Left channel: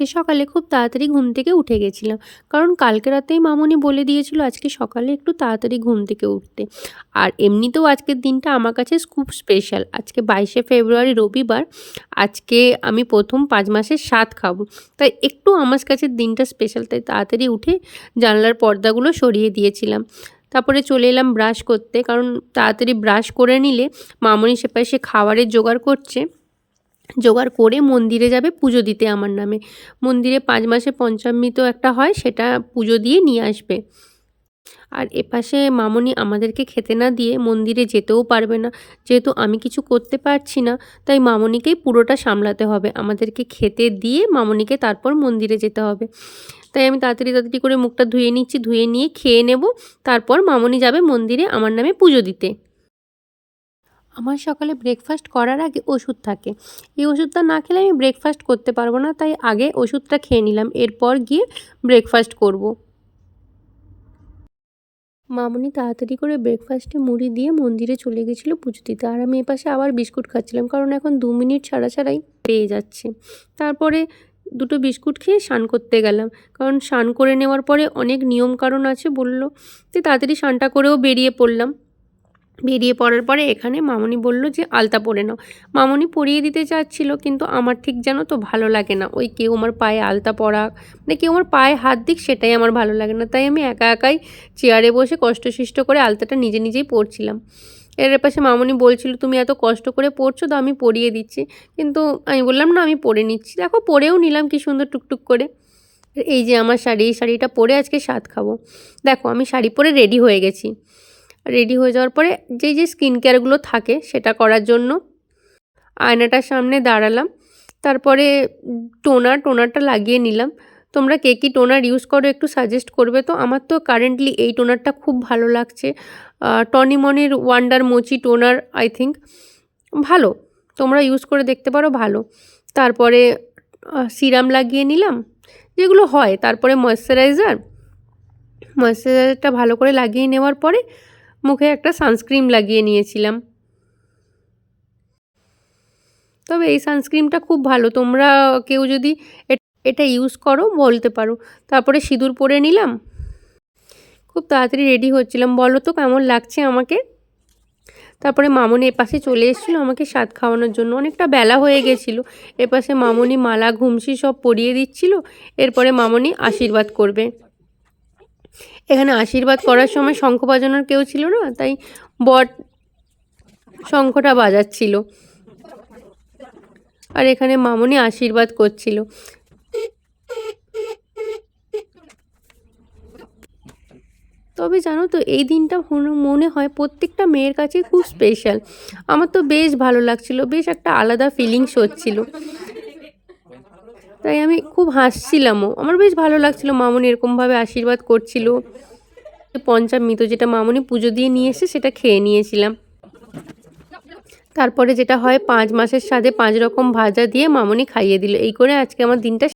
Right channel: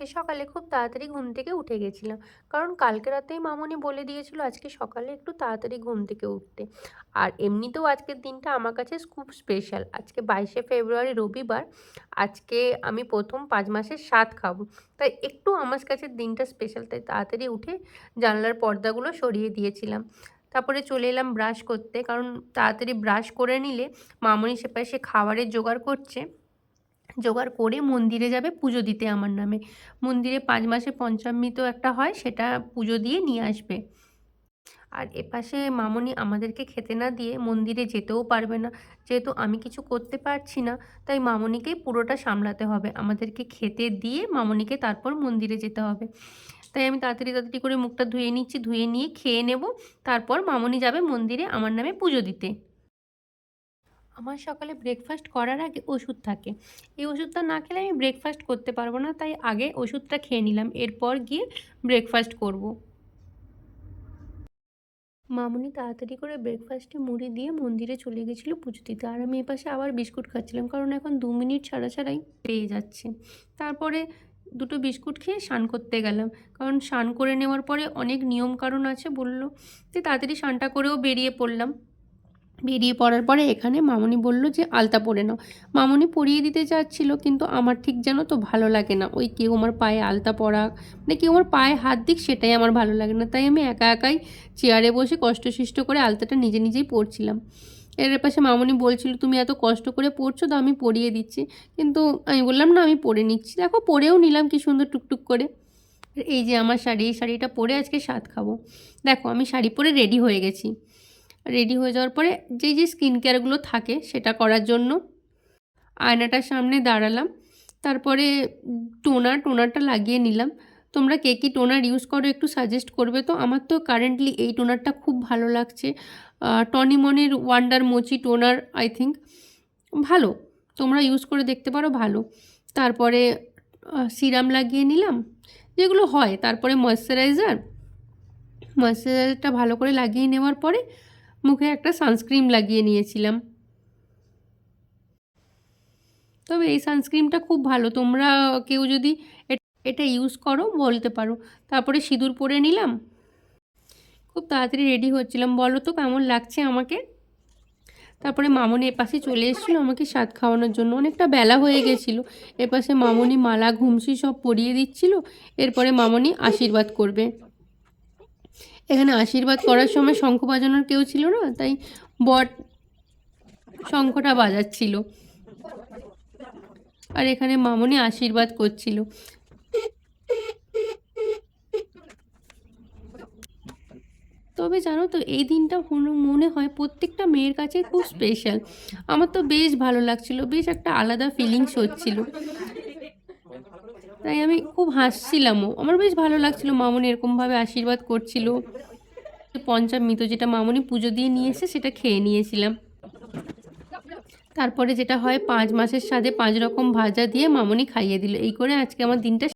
আজকে সকালে খুব তাড়াতাড়ি ঘুম থেকে উঠে গেছিলাম। কারণ কালকে রাতেই মামুনি বলে দিয়েছিল আজকে সকালে একটু তাড়াতাড়ি ঘুম থেকে উঠতে। আর এমনিতেও আজকের দিনটা আমার কাছে খুব স্পেশাল। আজকে 22শে ফেব্রুয়ারি রবিবার। আজকে আমি প্রথম 5 মাসের স্বাদ খাবো। তাই একটু আমার কাছে দিনটা স্পেশাল, তাই তাড়াতাড়ি উঠে জানলার পর্দাগুলো সরিয়ে দিয়েছিলাম। তারপরে চলে এলাম ব্রাশ করতে, কারণ তাড়াতাড়ি ব্রাশ করে নিলে মামুনি সেপাশে খাবারের জোগাড় করছে। জোগাড় করে মন্দিরে যাবে পুজো দিতে আমার নামে। মন্দিরে 5 মাসে পঞ্চামৃত একটা হয়, সেটা পুজো দিয়ে নিয়ে আসবে। আর এপাশে মামুনি আমাদেরকে খেতে না দিয়ে মন্দিরে যেতেও পারবে না। যেহেতু আমি কিছু করতে পারছি না, তাই মামুনিকেই পুরোটা সামলাতে হবে। আমাদেরকে খেতে দিয়ে মামুনিকে তারপর মন্দিরে যেতে হবে। তাই আমি তাড়াতাড়ি করে মুখটা ধুয়ে নিচ্ছি, ধুয়ে নিয়ে খেয়ে নেব। তারপর মামুনি যাবে মন্দিরে আমার নামে পুজো দিতে। আমার সকালে ব্রেকফাস্ট করার আগে ওষুধ থাকে। এই ওষুধটা না খেলে আমি ব্রেকফাস্ট করতে পারবো না, তাই আগে ওষুধটা খেয়ে নিলাম, এরপর গিয়ে ব্রেকফাস্ট করব। মামুনি তাড়াতাড়ি করে ব্রেকফাস্টে মুড়ি দিয়ে মন্দিরে চলে গেছিলো পুজো দিতে, আর আমি এপাশে আবার বিস্কুট খাচ্ছিলাম, কারণ এখন 2 মিনিট ছাড়াই পেয়ে যাচ্ছে। তারপরে দুটো বিস্কুট খেয়ে স্নান করতে গেলাম, কারণ স্নান করে নেওয়ার পরে অনেক নিয়ম কারণ আছে বললো। তো তাড়াতাড়ি স্নানটা করেও বেরিয়ে পড়লাম। বেরিয়ে পড়ার পরে এখানে মামুনি বলল যে আলতা পরে নাও। মামুনি পরিয়ে দিতে চাচ্ছিল, কিন্তু আমার ঠিক যেন তো ভালো লাগে না ওই কেউ আমার পায়ে আলতা পরাক, মানে কেউ আমার পায়ে হাত দিক, সেটাই আমার ভালো লাগে না। তাই আমি একাই চেয়ারে বসে কষ্টসিষ্ট করে আলতাটা নিজেই পরছিলাম। এর পাশে মামুনি বলছিল তুমি এত কষ্ট করে পরছো, তো আমি পরিয়ে দিচ্ছি। কিন্তু আমি বললাম না, আমি পরে নিচ্ছি। দেখো পরেও নিলাম কি সুন্দর টুকটুক করে। এই যে আমার শাড়ি, এই শাড়িটা পরে আজকে স্বাদ খাবো। দেখো আমি শাড়ি পরে রেডি হয়ে গেছি। রেডি হয়ে যাওয়ার পরে যে স্কিন কেয়ারগুলো থাকে সেটা করার জন্য আয়নাটার সামনে দাঁড়ালাম। তারপরে টোনারটা লাগিয়ে নিলাম। তোমরা কে কী টোনার ইউজ করো একটু সাজেস্ট করবে তো। আমার তো কারেন্টলি এই টোনারটা খুব ভালো লাগছে, টনি মনির wonder mochi toner, I think ভালো। তোমরা ইউজ করে দেখতে পারো, ভালো। তারপরে সিরাম লাগিয়ে নিলাম যেগুলো হয়। তারপরে ময়েশ্চারাইজারটা ভালো করে লাগিয়ে নেওয়ার পরে মুখে একটা সানস্ক্রিন লাগিয়ে নিয়েছিলাম। তবে এই সানস্ক্রিনটা খুব ভালো, তোমরা কেউ যদি এটা ইউজ করো বলতে পারো। তারপরে সিঁদুর পরে নিলাম। খুব তাড়াতাড়ি রেডি হচ্ছিলাম। বলো তো কেমন লাগছে আমাকে। তারপরে মামুনি এপাশে চলে এসেছিলো আমাকে স্বাদ খাওয়ানোর জন্য। অনেকটা বেলা হয়ে গেছিলো। এপাশে মামুনি মালা ঘুমসি সব পরিয়ে দিচ্ছিল। এরপরে মামুনি আশীর্বাদ করবে। এখানে আশীর্বাদ করার সময় শঙ্খ বাজানোর কেউ ছিল না, তাই বট শঙ্খটা বাজাচ্ছিল। আর এখানে মামুনি আশীর্বাদ করছিল। তবে জানো তো এই দিনটা মনে হয় প্রত্যেকটা মেয়ের কাছে খুব স্পেশাল। আমার তো বেশ ভালো লাগছিল, বেশ একটা আলাদা ফিলিংস হচ্ছিল। তাই আমি খুব হাসছিলামও, আমার বেশ ভালো লাগছিল। মামুনি এরকমভাবে আশীর্বাদ করছিল। পঞ্চামৃত যেটা মামুনি পুজো দিয়ে নিয়ে এসে সেটা খেয়ে নিয়েছিলাম। তারপরে যেটা হয় 5 মাসের স্বাদে 5 রকম ভাজা দিয়ে মামুনি খাইয়ে দিল। এই করে আজকে আমার দিনটা